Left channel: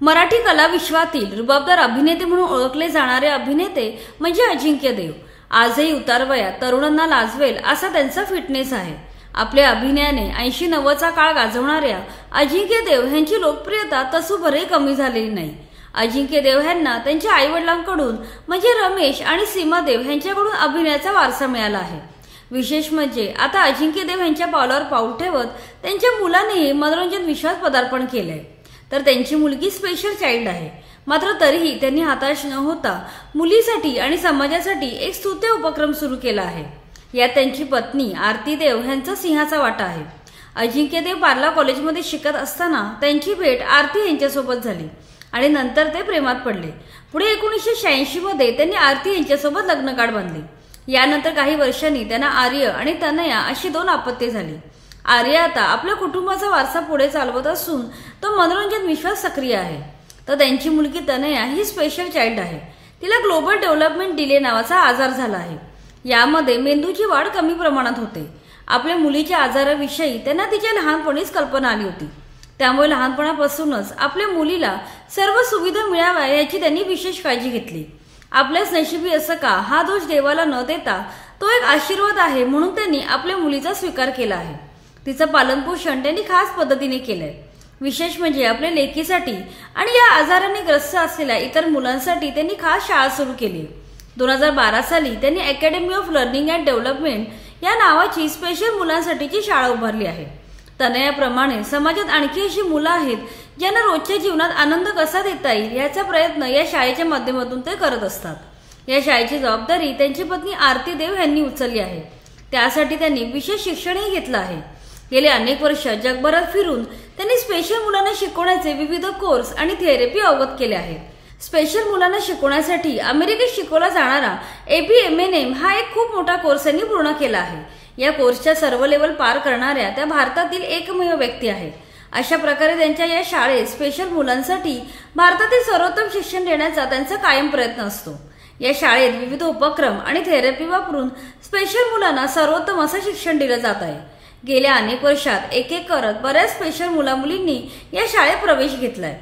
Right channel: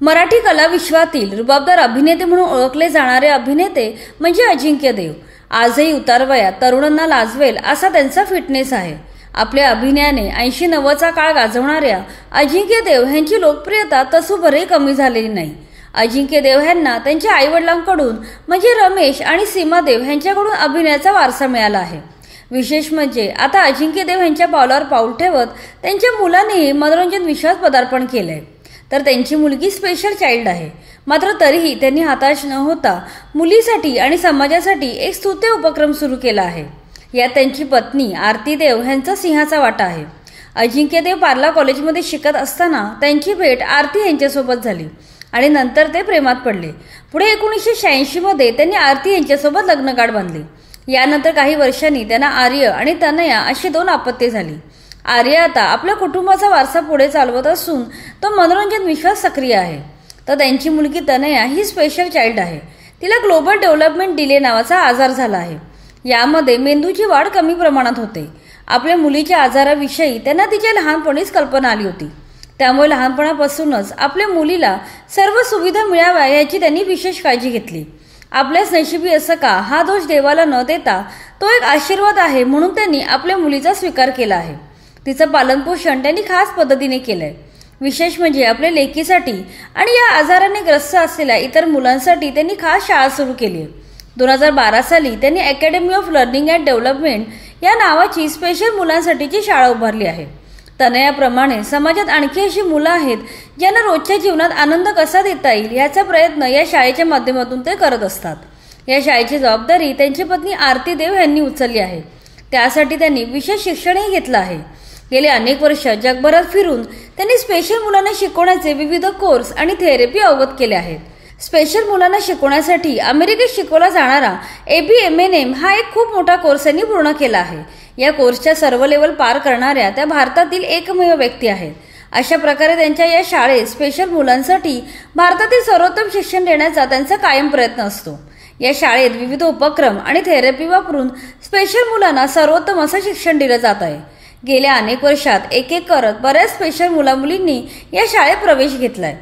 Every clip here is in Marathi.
मराठी कला विश्वातील रुबाबदार अभिनेते म्हणून ओळखले जाणारे अभिनेते म्हणजे अजिंक्य देव। आजही उतारवयात तरुणांना लाजवेल असा त्यांचा फिटनेस आहे। आपल्या अभिनयाने 80-90चा काळ गाजवणाऱ्या अजिंक्य देव यांची लोकप्रियता तसूभरही कमी झालेली नाही। अजिंक्य देव यांना त्यांच्या आईवडिलांकडून म्हणजे रमेश आणि सीमा देव यांच्याकडून अभिनयाचा वारसा मिळाला आहे। विशेष म्हणजे आता अजिंक्य देव यांच्या पावलावर पाऊल ठेवत त्यांच्या मुलानेही मनोरंजन विश्वात पदार्पण केलंय। तर त्यांची मुलगी स्पेशल चाइल्ड आहे। मात्र तरीही त्यांनी हताश न होता मुलीसाठी आणि समाजासाठी एक स्तुत्य उपक्रम सुरू केला आहे। यात त्यांची पत्नी आरती देव यांचा सिंहाचा वाटा आहे। अजिंक्य देव पार्ला कॉलेजमध्ये शिकत असताना त्यांची भेट आरती यांच्यासोबत झाली आणि नंतर ते प्रेमात पडले। पुढे 1986 मध्ये त्यांनी आरती यांच्यासोबत लग्नगाठ बांधले। यानंतर काही वर्षांनी त्यांना आर्य आणि तनया अशी 2 अपत्ये झाली। आर्य आता आपल्या कुटुंबाचा वारसा पुढे चालवत असून तो मनोरंजन विश्वात सक्रिय आहे। तर त्यांची मुलगी तनया ही स्पेशल चाइल्ड आहे। तिला ग्लोबल डेव्हलपमेंट डिले नावाचा आजार झाला आहे। यामध्ये मेंदूची वाढ कमी प्रमाणात होते। आपल्या मुलीच्या आजाराविषयी त्यांना तिच्या लहानपणीच कल्पना आली होती। त्यामुळे लहानपणापासूनच आपल्या मुलीला सर्व सुविधा मिळाव्या याची त्यांनी विशेष काळजी घेतली। आपल्याच नशिबी असं का हा दोष देवाला न देता तो एक आशीर्वाद आहे म्हणून त्यांनी आपल्या मुलीचा स्वीकार केला आहे। तिचं पालनपोषण त्यांनी खास पद्धतीने केलंय। विशेष म्हणजे आपल्या लेकीसाठी आणि या आजाराने ग्रस्त असलेल्या इतर मुलांसाठी त्यांनी खास शाळा सुरू केली। 2012 साली त्यांनी academy of learning and development या नावाची स्पेशल मुलांसाठीची शाळा उभारली आहे। तनयाप्रमाणे समाजात आणखी अशी मुलं आहेत ज्यांना रोजच्या जीवनात आनंद कसा देता येईल याचा प्रयत्न या शाळेच्या माध्यमातून ते करत असतात। या शाळेची जबाबदारी त्यांची पत्नी आरती देव यांनी उचलली आहे। त्यासाठी त्यांनी विशेष शिक्षणही घेतलं आहे। गेले अनेक वर्ष जगभरात फिरून त्यांनी स्पेशल मुलांना शिकवण्याचे विविध कोर्स आणि थेरपी अवगत केले आहेत। स्पेशल मुलांना शिकवण्यासाठी अमेरिकेत शिकवला जाणारा ABMNM हा एक खूप मोठा कोर्स त्यांनी पूर्ण केला आहे। या कोर्सच्या सर्व लेवल पार करणाऱ्या त्या भारतातील एकमेव व्यक्ती आहेत। अशा प्रकारे त्यांच्या या शाळेत स्पेशल मुलांसाठी भारतातील सर्वोत्तम शिक्षण देण्याचा त्यांचा कायम प्रयत्न असतो। या शाळेत विविध उपक्रम आणि थेरपी वापरून स्पेशल मुलांना सर्वोत्तम असं शिक्षण दिलं जात आहे। गेल्या अनेक वर्षात एक एक करत बऱ्याच स्पेशल मुलामुलींनी या शाळेत प्रवेश घेतलाय।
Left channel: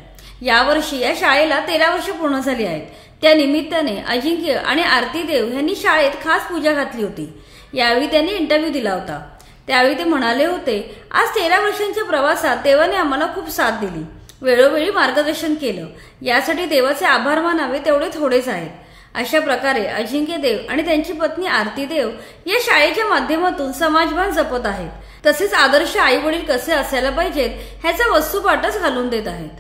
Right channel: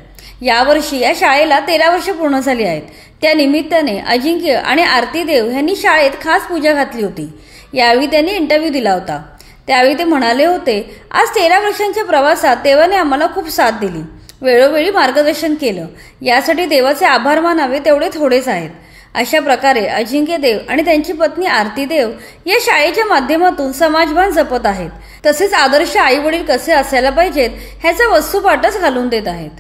यावर्षी या शाळेला 13 वर्ष पूर्ण झाली आहेत। त्या निमित्ताने अजिंक्य आणि आरती देव यांनी शाळेत खास पूजा घातली होती। यावेळी त्यांनी इंटरव्ह्यू दिला होता। त्यावेळी ते म्हणाले होते, आज 13 वर्षांच्या प्रवासात देवाने आम्हाला खूप साथ दिली, वेळोवेळी मार्गदर्शन केलं। यासाठी देवाचे आभार मानावे तेवढे थोडेच आहेत। अशा प्रकारे अजिंक्य देव आणि त्यांची पत्नी आरती देव या शाळेच्या माध्यमातून समाजभान जपत आहेत। तसेच आदर्श आई वडील कसे असायला पाहिजेत ह्याचा वस्तुपाठच घालून देत आहेत।